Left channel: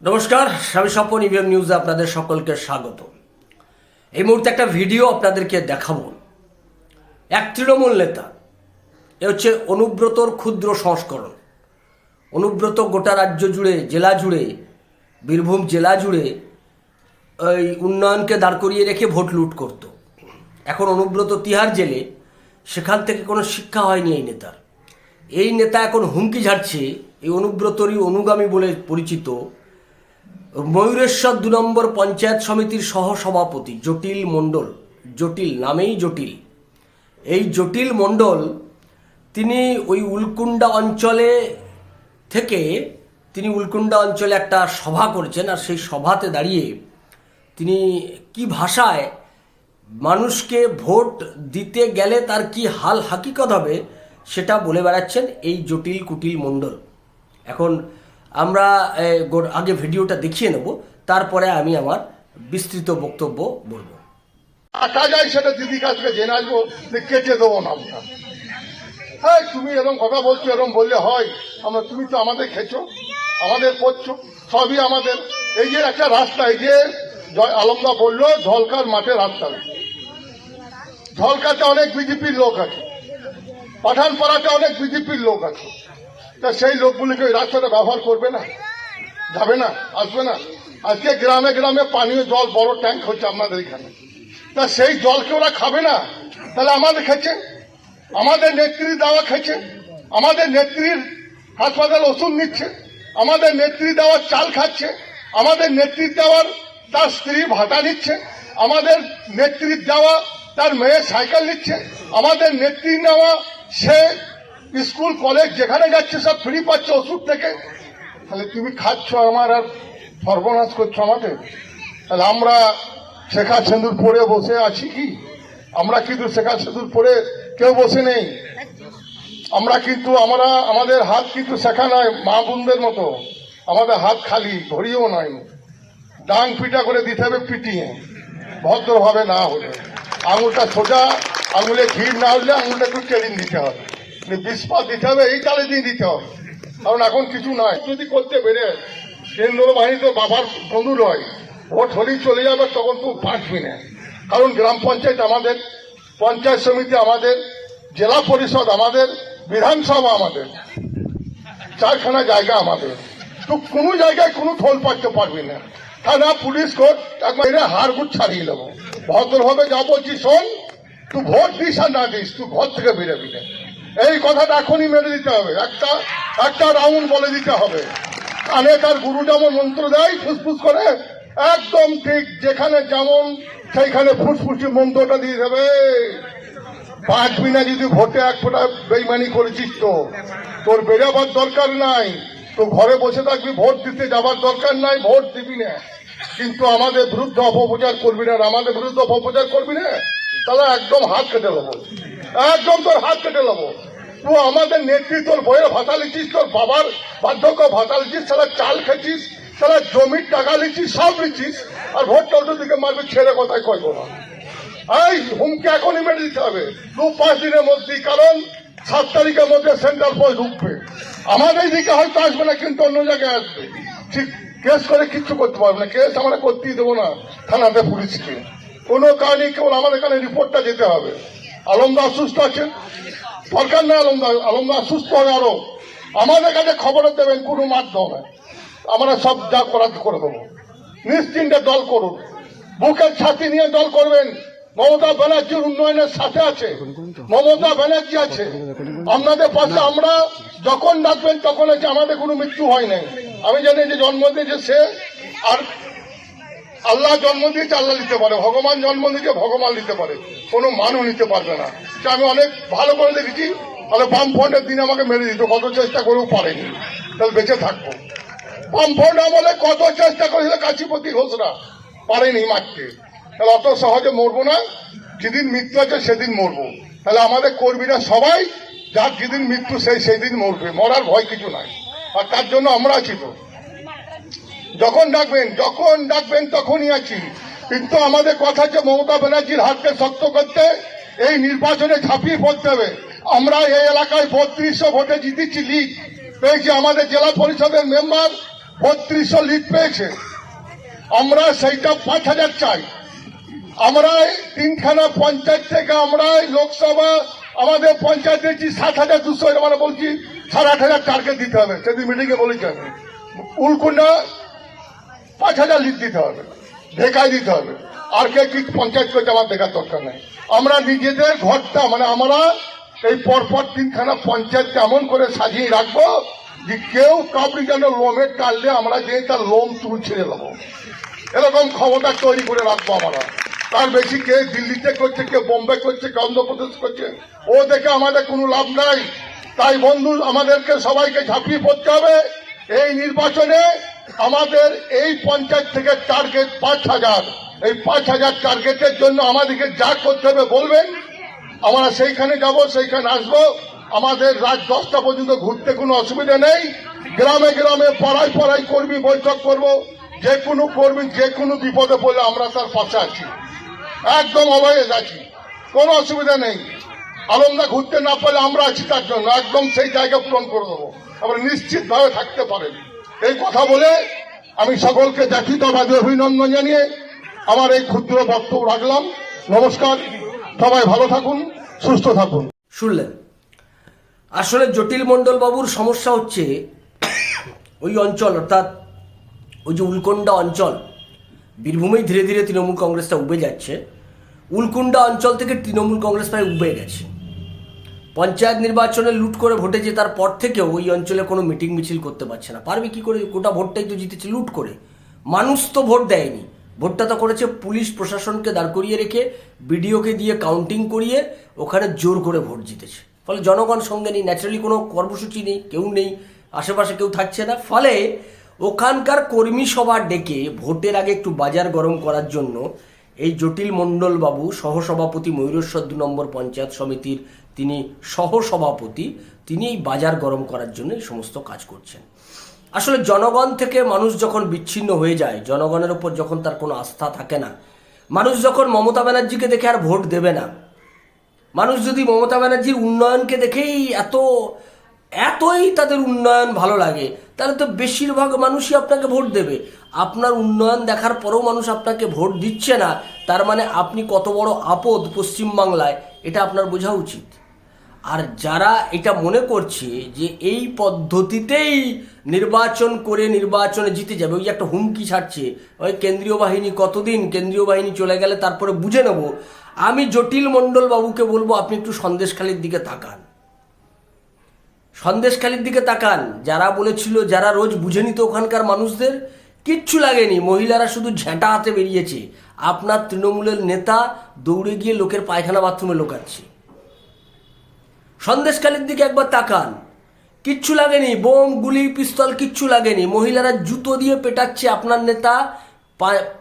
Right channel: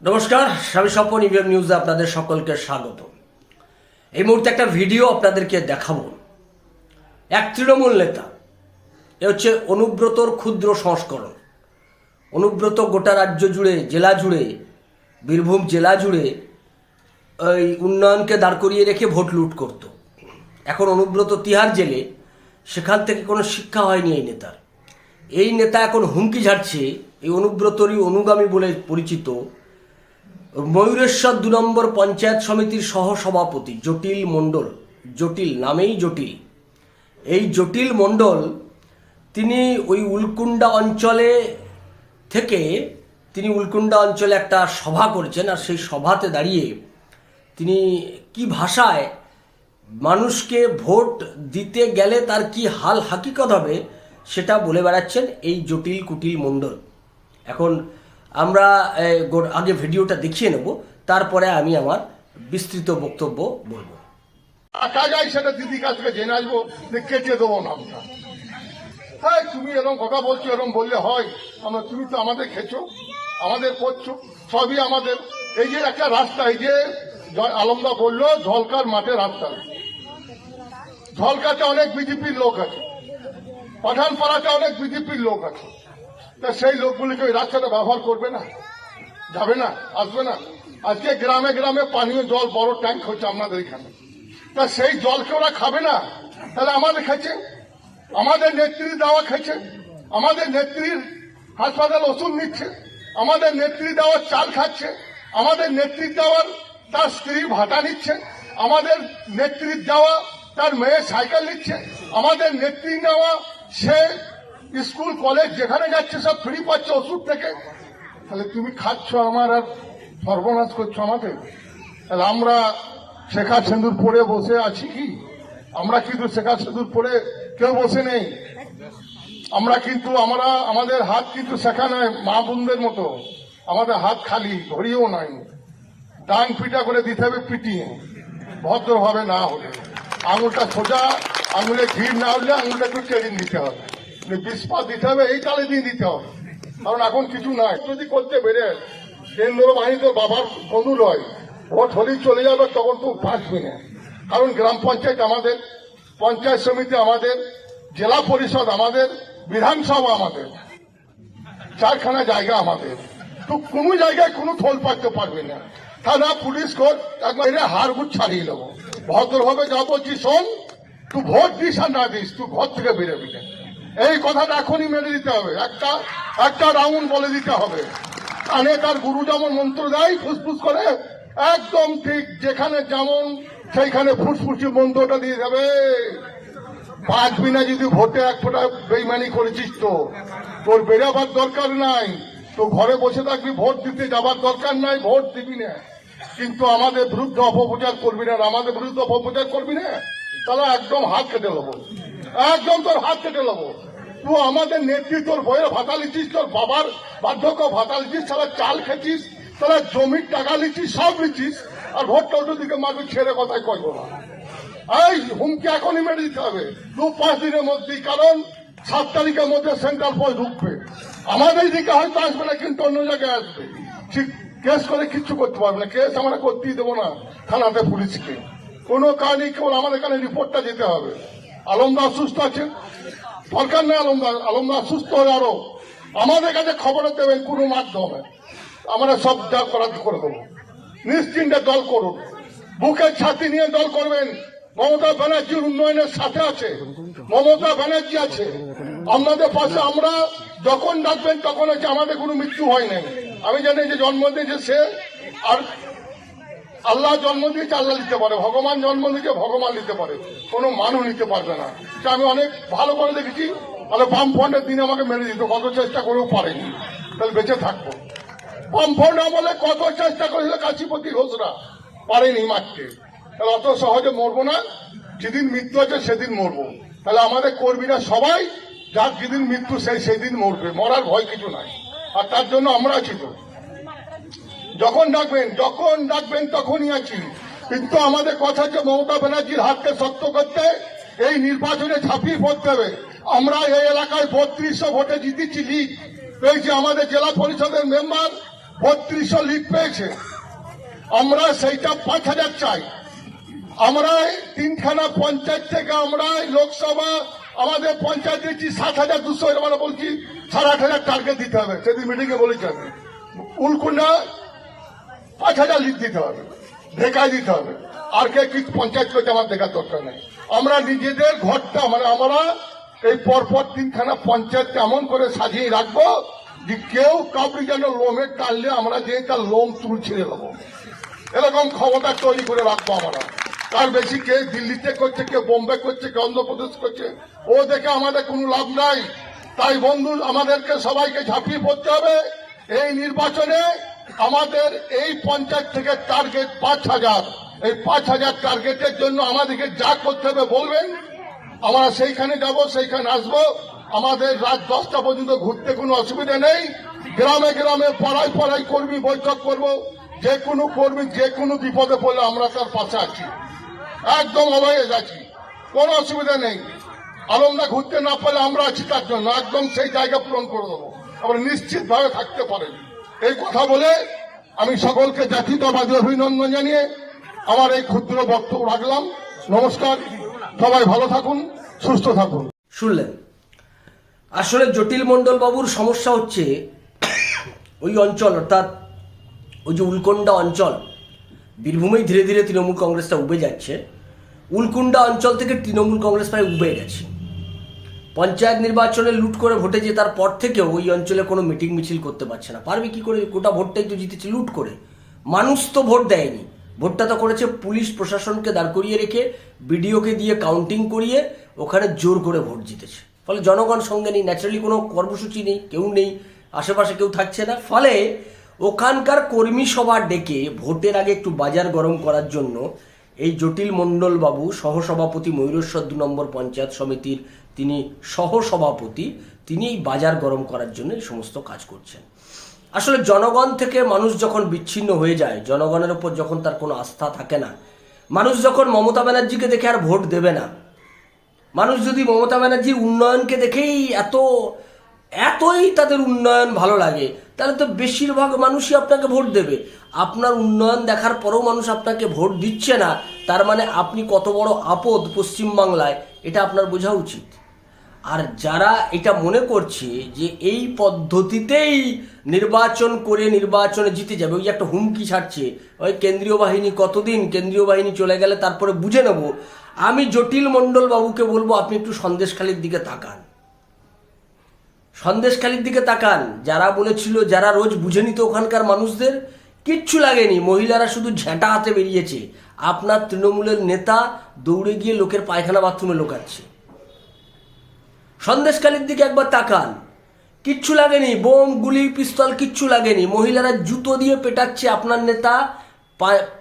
নমস্কার, স্বামী সম্পন ইভিএম নিউজে আপনাদের সকলকে স্বাগত। এই মুহূর্তে একটা ভিডিও আপনাদেরকে দেখাবো। এক তৃণমূল নেতা, এ হচ্ছে অনুব্রতর ক্ষুদ্র সংস্করণ। অনুব্রত গোটা রাজ্য জুড়ে, জেলা জুড়ে, বীরভূম জেলা জুড়ে ওই উন্নয়নকে দাঁড় করিয়ে রেখে ভোট লুট করত। এখন অনুব্রত তিহার জেলে, সেখান থেকে কোনো শিক্ষা হয়নি এই নেতার। এই নেতা এখন হুমকি ঝাড়ছে, এই অনুব্রতরই অনুগামী বলে পরিচিত। ময়ূরেশ্বর দু নম্বর পঞ্চায়েত সমিতির সহসভাপতি জটিল মণ্ডল। জটিল নামেই জটিল। এই জটিল মণ্ডল তিনি ওই উলকুন্ডা অঞ্চলে থেকে তিনি উলকুন্ডা অঞ্চলে একটা সভা করেছেন আর সেই সভাতে দাঁড়িয়ে তিনি কি ভাষায় মানুষকে ভোট দিতে গেলে তার কি হাল হাকিকত হবে সেটা বলে বেড়াচ্ছেন এই জটিল কুটিল মণ্ডল। এখন আমরা আগে ভিডিওটা দেখিয়ে নেব, তারপরে আমি আমার বিস্তৃত বক্তব্য বলব। টাকা যায় সেটা দিদি কাছ থেকে জেনে আসব কেটে দেবো না। হ্যাঁ তুমি এরকম কথা বলছো, এরকম বললে হয়। আমরা তুমি তো আমাদের খেছো, আমাদের করছ, সবই আমাদের। এই যে একটা রাস্তা, এই যে আলমদা বলল ধলকার মাঠে রাস্তা। ধলকাতে অনেক বিজেপির লোক আছে। পাঠানপাড়াতে অনেক বিজেপির লোক আছে। তা সেই লোকগুলিকে ওই রাস্তাটা ব্যবহার করবে না। যাবে না, আসবে না। আজকে গ্রামে গ্রামে পানীয় জল, বড় ট্যাঙ্ক হচ্ছে আপনাদের এখানে। তা সেই জলকে ওরা খাবে না? তাহলে আমাদের খেছে আমাদের নেত্রী দাওয়া খেছে আমাদের নেত্রীর হাসপাতাল ওষুধ নিচ্ছে। আমাদের নেত্রী দেওয়ার চাল খাচ্ছে। আমাদের নেত্রীর দেওয়ার তার স্ত্রী ভাতা নিচ্ছে। আমাদের নেত্রীর দেওয়া তার মেয়ে সাইকেল নিচ্ছে। আমাদের নেত্রী নেওয়া সে স্কুল, কলেজ, যেখানে যাচ্ছে, সব ফ্রি পাচ্ছে ওষুধ থেকে। তাহলে তুমি খাচ্ছ আমার আর সর্বনাশ করছ আমাদের তাহলে আমরা শেখা সিঁদুর পরে বসে আছি কি? আমরা কিন্তু শেখা সিঁদুর পরে কেউ বসে নেই। আমরা কিন্তু, আমরা, আমাদের হাত কিন্তু শেখা নাই, মা বোনদের মতো। আমাদের হাত খালি, ঘড়িও নাই। ডান পিটা করে দিতে হবে পিটিয়ে। ভদ্রভাবে না হলে। আঙুলটা সোজা, আঙুলে ভিড় না হলে আঙুলটা একটু কেড়িয়ে দিতে হবে। বিষপাত দিতে হবে এই তালে দিয়ে দিতে হবে। কারণ এখন কিছু নয় যদি করতে বেড়ে কেন্দ্র বাহিনীতে বাবার বন্ধু নয়, ভোট হলেই চলে যাবে, তখন তো বাঁচবি না। কারণ গ্রাম পঞ্চায়েত আমাদের, পঞ্চায়েত সমিতি আমাদের, জেলা পরিষদ আমাদের, বিধানসভা আমাদের, চারখানা জায়গা আমাদের। তো কোনো জায়গায় কোনো ফল পাইতে পারবি না। থানা, পুলিশ, কোর্ট একবার এরা হাড়গুট ছাড়িয়ে নেব ভদ্রভাবে যা বলছি শোন, তুই ভোট দিস আর না দিস, তুই ঘর থেকে বেরোবি না। এই কথাটা এখনই মেনে দিতে হবে। একটা একটা রাউন্ড বলে দিতে হবে। কানে তার গুরু যেমন মন্ত্র দেয়, ফুসফুস করে, একদম ঠিক যেখানে যেমন, সেইখানে ফুসফুসি মন্ত্রটা দিয়ে দেবে। বাঁচবি না যদি ভোটে এক ফোঁটা বেইমানি করেছিস তো। তোর বেরোবার দরকার নাই। তো ঘরে বসে থাকবি, ভোট দিতে যাবার দরকার নাই, ভোট দিবি না। কিন্তু আমাদের বিরুদ্ধে অপপ্রচার করবি না আমাদের বিরুদ্ধে অপপ্রচার করবি না, তাহলে একদম হাত কেটে নেব একদম তোর হাত কেটে নেব। তুই আমাদের নেতৃত্ব তোর বইয়ের ভাতা লিখিস তোর বাবার বার্ধক্য ভাতা লিখিস তারা চাল খেছিস তারা জমির টাকা লিখিস সব লিখিস আর ভোট টল্টো দিকে মারবি, ছেড়ে কথাই কইব না। এই হুমকি এখনই মেরে দিতে হবে। দু পাঁচ দিনের মধ্যেই, কারণ সাত তারিখের মধ্যে সেন্ট্রাল ফোর্স ঢুকবে। আমাদের দিকে হয়তো আসবে না, কিন্তু অন্য জায়গায় আসবে। ঠিক, কেস করে কিচ্ছু করতে পারবে না, কেস আমরা করতেই দেবো না থানাতে পুলিশকে। কোনো কারণে কেবল আমাদের এখানে রিপোর্টটা যেতে হবে। আলমদার সুস্থ আছে? দরকার নেই আলমদার আলমদার সুস্থ হবে আরও। আমাদের কাছে খবরও দেবেন, কোনো মাধ্যমে আমরা সব যা করার করে দেবো। নিশ্চিন্তে দল করুন। বুকের ছাতি নিয়ে দল করবেন। মমতা ব্যানার্জির উন্নয়নের সাথে আছে। মমতা ব্যানার্জি আছে। আপনাদের পাশে আমরা যখন ডাকবেন, তখন হচ্ছে আমাদের কোনো মৃত্যু হয় নাই। আমি জানি যে জন্ম দিয়েছে সে, আর আল্লাহ জন্ম দিয়েছে, আল্লাহ নিতে পারে। ভগবান জন্ম দিয়েছে ভগবান নিতে পারে। কোনো মানুষ নিতে পারবে না। এটা আমি অনেক ভালো করে দেখেছি। তাহলে বাম ফ্রন্টের দিন আমাকে মেরে দিত কত চেষ্টা করেও পারেনি। তাহলে বেঁচে থাকব। বাম ফ্রন্ট আমলে কত চেষ্টা করেছিল কাশীপতি ঘোষরা। পারেনি মারতে। তাহলে অত সহজে মরবো না। যেদিন মৃত্যু আছে, সেদিন মরবো। তাহলে আমাদের কর্মীরা সবাই, যার যেদিন মৃত্যু সেই সেদিন মরবে। মরার ভয় কিছু নাই। আর তার জন্য আমরা তো। যখন ডাকবেন যখন ডাকবেন তখনই আছি। কিন্তু আমাদের কথা হচ্ছে মমতা ব্যানার্জির হাতকে শক্ত করতে, এই নির্বাচনে ঝাঁপিয়ে পড়তে হবে। আমরা এই এলাকায় বত্রিশশো ভোটে জিতেছি লিগ পেয়েছি, আমাদের জেলা পরিষদের মেম্বার বত্রিশশো লিগ পেয়েছে। আমরা সেইটা পাঁচ হাজার চাই। আমরা তিনখানা পঞ্চায়েত থেকে আমরা লোকসভা, আমাদের পঞ্চায়েত দিচ্ছি সাত হাজার দুশো আমরা বলছি সাড়ে আট হাজার টার্গেট দিতে হবে। সেদিন মিটিং এ বলেছি আমি। উলকুন্ডা পাঁচ হাজার লিড দিতে হবে ঢেকায় দিতে হবে। আর কে কি পঞ্চায়েত করতে আমার দেখার দরকার নেই। আমরা নিজেদের ঘরটা মানে আমরা এই পরপর তিনখানা পঞ্চায়েত এমন করে সাজিয়ে রাখব যে কেউ কাউকে যেন লোমের টানলে আমরা যে তার লোম চুল ছেড়ে দেবো। এরকম ক্ষমতা তৈরি করে রাখব আমরা। তার বেশি কে দিল্লিতে করছে, কে বোম্বে করছে, কে অন্ধ্রপ্রদেশ করছে, ও দেখে আমাদের কোনো লাভ নাই। তাই বন্ধু, আমাদেরকে সবাইকে ঝাঁপিয়ে পড়তে হবে। এই নির্বাচনে আমাদের এই পঞ্চায়েত থেকে টার্গেট পাঁচ হাজার। এই পাঁচ হাজার টার্গেটের জন্য আমাদেরকে যা করতে হবে বলবেন। আমরা সেইখানে যাব, সেইখানে আসব। আমাদের রাত দশটা পর্যন্ত ঘুরতে কোনো অসুবিধা নেই। গ্রামে গ্রামে পাড়ায় পাড়ায় কর্মী বৈঠক করব। যে কোনো কর্মী, যে কোনো বিপদে পড়লে আমরা তার পাশে আছি। একদম অবহেজ আছি। কোনো অসুবিধা নেই। আলমদা ঘুরতে না পারলে আমরা আছি তার জন্য। একদম সেই জায়গা পূরণ করে দেবো। আমরা নিশ্চিতভাবে থাকতে পারেন। এই কথা বলে আমি সকলকে জাতীয়তাবাদী অভিনন্দন জানিয়ে আমার এই ক্ষুদ্র বক্তব্য রাখলাম। নমস্কার, সবাই ভালো থাকুন, সুস্থ থাকুন। শুনলেন? আসলে জটিল মণ্ডল বাবুর সমস্যা হচ্ছে ওই অঞ্চল, অর্থাৎ ওই যে উলকন্ডা অঞ্চল, বীরভূমেই ধীরে ধীরে তৃণমূল কংগ্রেসটা উবে যাচ্ছে। উলকুন্ডা অঞ্চল থেকে তৃণমূল কংগ্রেস প্রায় উবে গেছে। পঞ্চায়েত নির্বাচনে লুট করে ভোটে জেতার পর থেকেও ওই অঞ্চলে কোনো মিটিং মিছিল করতে পারছে না। পারবে কি করে? গোটা ভোটটাই তো জিতেছে লুট করে। মানুষ তো ভোট দেয়নি। ভোটটা তো করেছে পুলিশ প্রশাসনকে দাঁড় করিয়ে রেখে, বিডিওকে দিয়ে কাউন্টিং করিয়ে ওখানে জোর করে ভোট জিতেছে। ফলে জনগণ সঙ্গে নেই ন্যাচারালি কোনো কর্মসূচি নেই, কেউ নেই, আশেপাশে কেউ থাকছে না। ফলে ওখানকার কর্মী সভা ডেকে ভোটের আগে একটু বাজার গরম করার জন্য এই জটিল মণ্ডল বাবু সহসভাপতি ময়ূরেশ্বর দু নম্বর পঞ্চায়েত সমিতির তিনি সহসভাপতি তিনি বাজার গরম করার জন্য এই সমস্ত কাজ করছেন। আসলে জনগণ থেকে মানুষ যখন বিচ্ছিন্ন হয়ে যায়, জনগণের উপর যখন তার কোনো আস্থা থাকে না, মানুষ যখন মমতা ব্যানার্জিকে দেখে আর ভোট দেবে না, মানুষ যদি মমতা ব্যানার্জির উন্নয়নকে দেখেই এত, এতই তাদের উন্নয়ন ভালো লাগে, তাহলে তো বেশিরভাগ মানুষই আপনাকে ভোট দেবে। আপনার উন্নয়ন দেখার পরেও মানুষ আপনাকে ভোট দিচ্ছে না, তার মানে আপনি কত বড় আপদ পশ্চিমবাংলায়, এটা আপনার বোঝা উচিত। আর যারা এটা মনে করছে যে এই পদ্ধতিতেই নির্বাচন করে নির্বাচনে জিতে যাবে, ওই একটা হুমকি ছাড়ছে, ওই কেন্দ্রীয় বাহিনী কতদিন কেন্দ্রীয় বাহিনী চলে গেলে তারপরে বুঝে নেব। আমি জটিল মণ্ডল বাবুকে বলব, আপনি একটু সন্দেশখালির দিকে তাকান। সন্দেশখালির দিকে তাকান। যারা বলেছিল, যারা রোজ বুঝে নিত ওখানকার মানুষদের, কিচ্ছু লাগেনি। মহিলারা শুধু ঝেঁটা হাতে বেরিয়েছে। আপনার তৃণমূলের নেতা দৌড়ে গিয়ে লোকের পায়খানা বাথরুমে লোকাচ্ছে। সন্দেশকালীর দিকে একবার তাকান। কিচ্ছু লাগেনি, বোম, গুলি, পিস্তল, কিচ্ছু লাগেনি। মহিলারা জুতো দিয়ে পেটাচ্ছে আপনার নেতা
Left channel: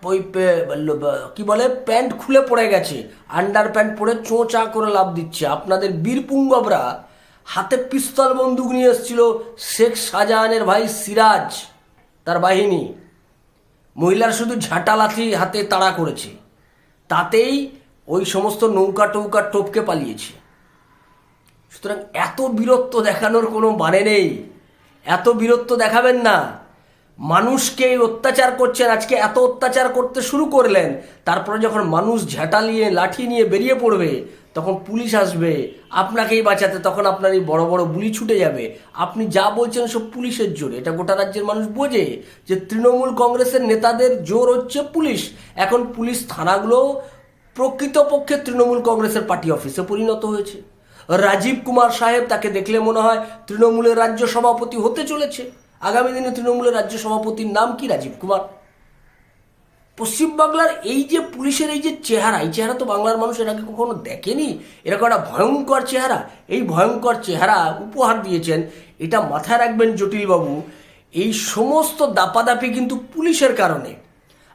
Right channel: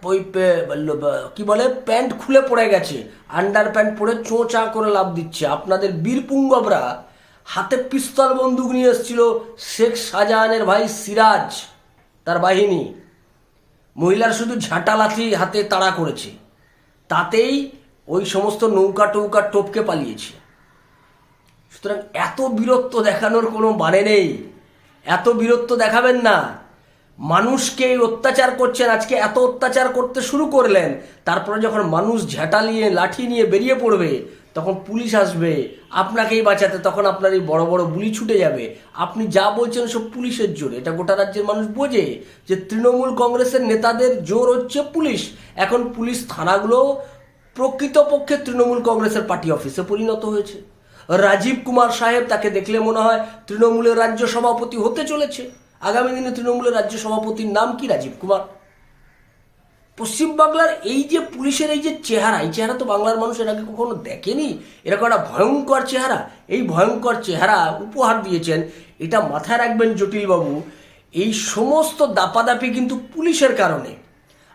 ওই কি বলে, প্যান্ট খুলে পড়ে গেছে। আন্ডার প্যান্ট পরে চোঁচা করে লাভ দিচ্ছে। আপনাদের বীরপুঙ্গবরা হাতে পিস্তল বন্দুক নিয়ে এসেছিল শেখ শাহজাহানের ভাই সিরাজ, তার বাহিনী। মহিলার শুধু ঝাঁটা লাথি হাতে তাড়া করেছে। তাতেই ওই সমস্ত নৌকা টৌকা টপকে পালিয়েছে। সুতরাং এত বীরত্ব দেখানোর কোনো মানে নেই। এত বীরত্ব দেখাবেন না। মানুষকে অত্যাচার করছেন, আজকে এত অত্যাচার করতে শুরু করলেন, তারপরে যখন মানুষ ঝাঁটা নিয়ে, লাঠি নিয়ে বেরিয়ে পড়বে, তখন পুলিশ আসবে, আপনাকেই বাঁচাতে, তখন আপনার এই বড় বড় গুলি ছুটে যাবে। আপনি যা বলছেন সব পুলিশের জোরে। এটা গোটা রাজ্যের মানুষ বোঝে যে তৃণমূল কংগ্রেসের নেতাদের জোর হচ্ছে পুলিশ। এখন পুলিশ থানাগুলো প্রকৃতপক্ষে তৃণমূল কংগ্রেসের পার্টি অফিসে পরিণত হয়েছে। রাজীব কুমার সাহেব তাকে দেখলে মনে হয় তৃণমূলের রাজ্য সভাপতি হতে চলেছে। আগামী দিনে তৃণমূলের রাজ্য সভাপতির নাম কি রাজীব কুমার? পশ্চিমবাংলার এই যে পুলিশের এই যে চেহারা, এই চেহারা তো বাংলার মানুষ এর আগে কখনো দেখেনি। এরকম একটা ভয়ঙ্কর চেহারা, এই ভয়ঙ্কর চেহারা উপহার দিয়েছেন। এটা মাথায় রাখবেন জটিলবাবু, এই সমস্ত দাপাদাপি কিন্তু পুলিশের কারণে।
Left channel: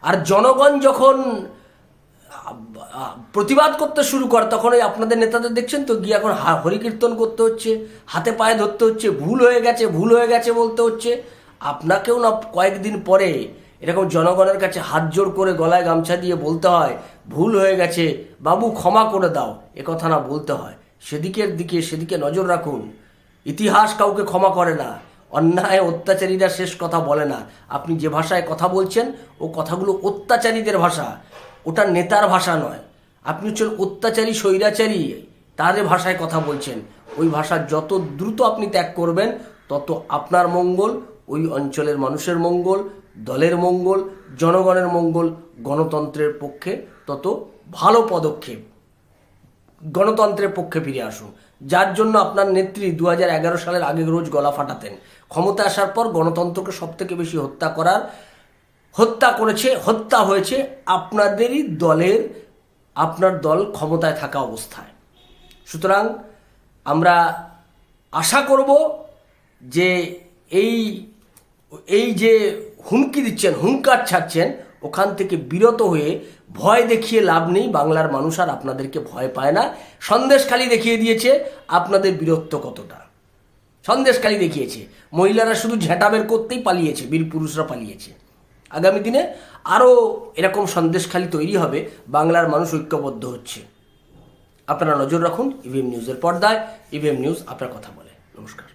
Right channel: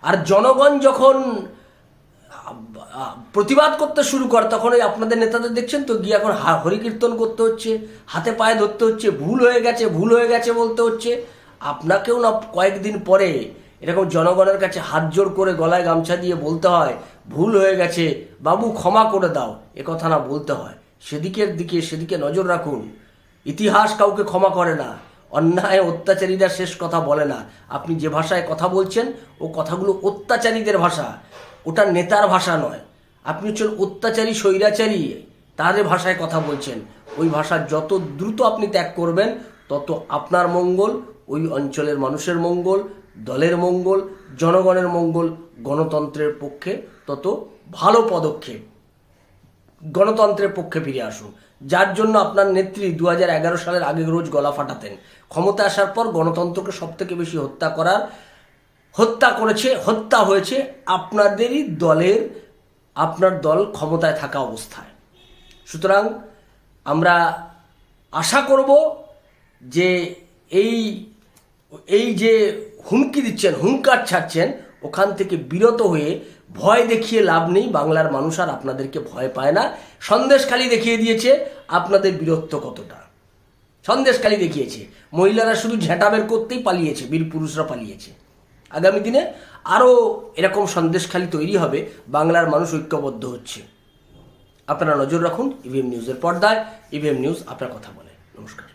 আর জনগণ যখন প্রতিবাদ করতে শুরু করে। তখন ওই আপনাদের নেতাদের দেখছেন তো, গিয়ে এখন হরিকীর্তন করতে হচ্ছে, হাতে পায়ে ধরতে হচ্ছে, ভুল হয়ে গেছে, ভুল হয়ে গেছে বলতে হচ্ছে। আপনাকেও না কয়েকদিন পরে এরকম জনগণের কাছে হাত জোড় করে গলায় গামছা দিয়ে বলতে হয়, ভুল হয়ে গেছে, বাবু ক্ষমা করে দাও, এ কথা না বলতে হয়। সেদিকের দিকে, সেদিকে নজর রাখুন। ইতিহাস কাউকে ক্ষমা করে না, অন্যায় অত্যাচারীরা শেষ কথা বলে না। আপনি যে ভাষায় কথা বলছেন, ও কথাগুলো অত্যাচারীদের ভাষা। ওটা নেতার ভাষা নয়। আপনি হচ্ছেন অত্যাচারী, স্বৈরাচারী। তাদের ভাষায় কথা বলছেন। ওই ভাষা যত দ্রুত আপনি ত্যাগ করবেন, তত আপনার মঙ্গল, ওই অঞ্চলের মানুষের মঙ্গল, দলের মঙ্গল, জনগণের মঙ্গল, গণতন্ত্রের পক্ষে তত ভালো পদক্ষেপ। গণতন্ত্রের পক্ষে ফিরে আসুন। যার জন্য আপনার নেত্রী দু হাজার এগারো সালের আগে রোজ গলা ফাটাতেন। ক্ষমতা আসার পর গণতন্ত্রকে সব থেকে বেশি হত্যা করার হত্যা করেছে, হত্যা হয়েছে আপনাদেরই দলের, আপনার দল ক্ষমতায় থাকা অবস্থায়। সুতরাং আমরা আশা করব যে এই এই যে হুমকি দিচ্ছেন, হুঙ্কার ছাড়ছেন, ওখান থেকে বিরত হয়ে ভয় দেখিয়ে লাভ নেই, বাংলার মানুষ আর আপনাদেরকে ভয় পায় না। সন্দেশখালি দেখিয়ে দিয়েছে, আপনাদের বীরত্ব কতটা? সন্দেশখালি দেখিয়েছে। মহিলারা শুধু ঝেঁটা বের করতেই পালিয়েছে, বীর পুরুষরা পালিয়েছে। আগামী দিনে আরও এরকম সন্দেশখালি তৈরি হবে, বাংলার মানুষ ঐক্যবদ্ধ হচ্ছে। আপনারা নজর রাখুন ইভিএম নিউজের পর্দায় ইভিএম নিউজ আপনার কথা বলে। নমস্কার।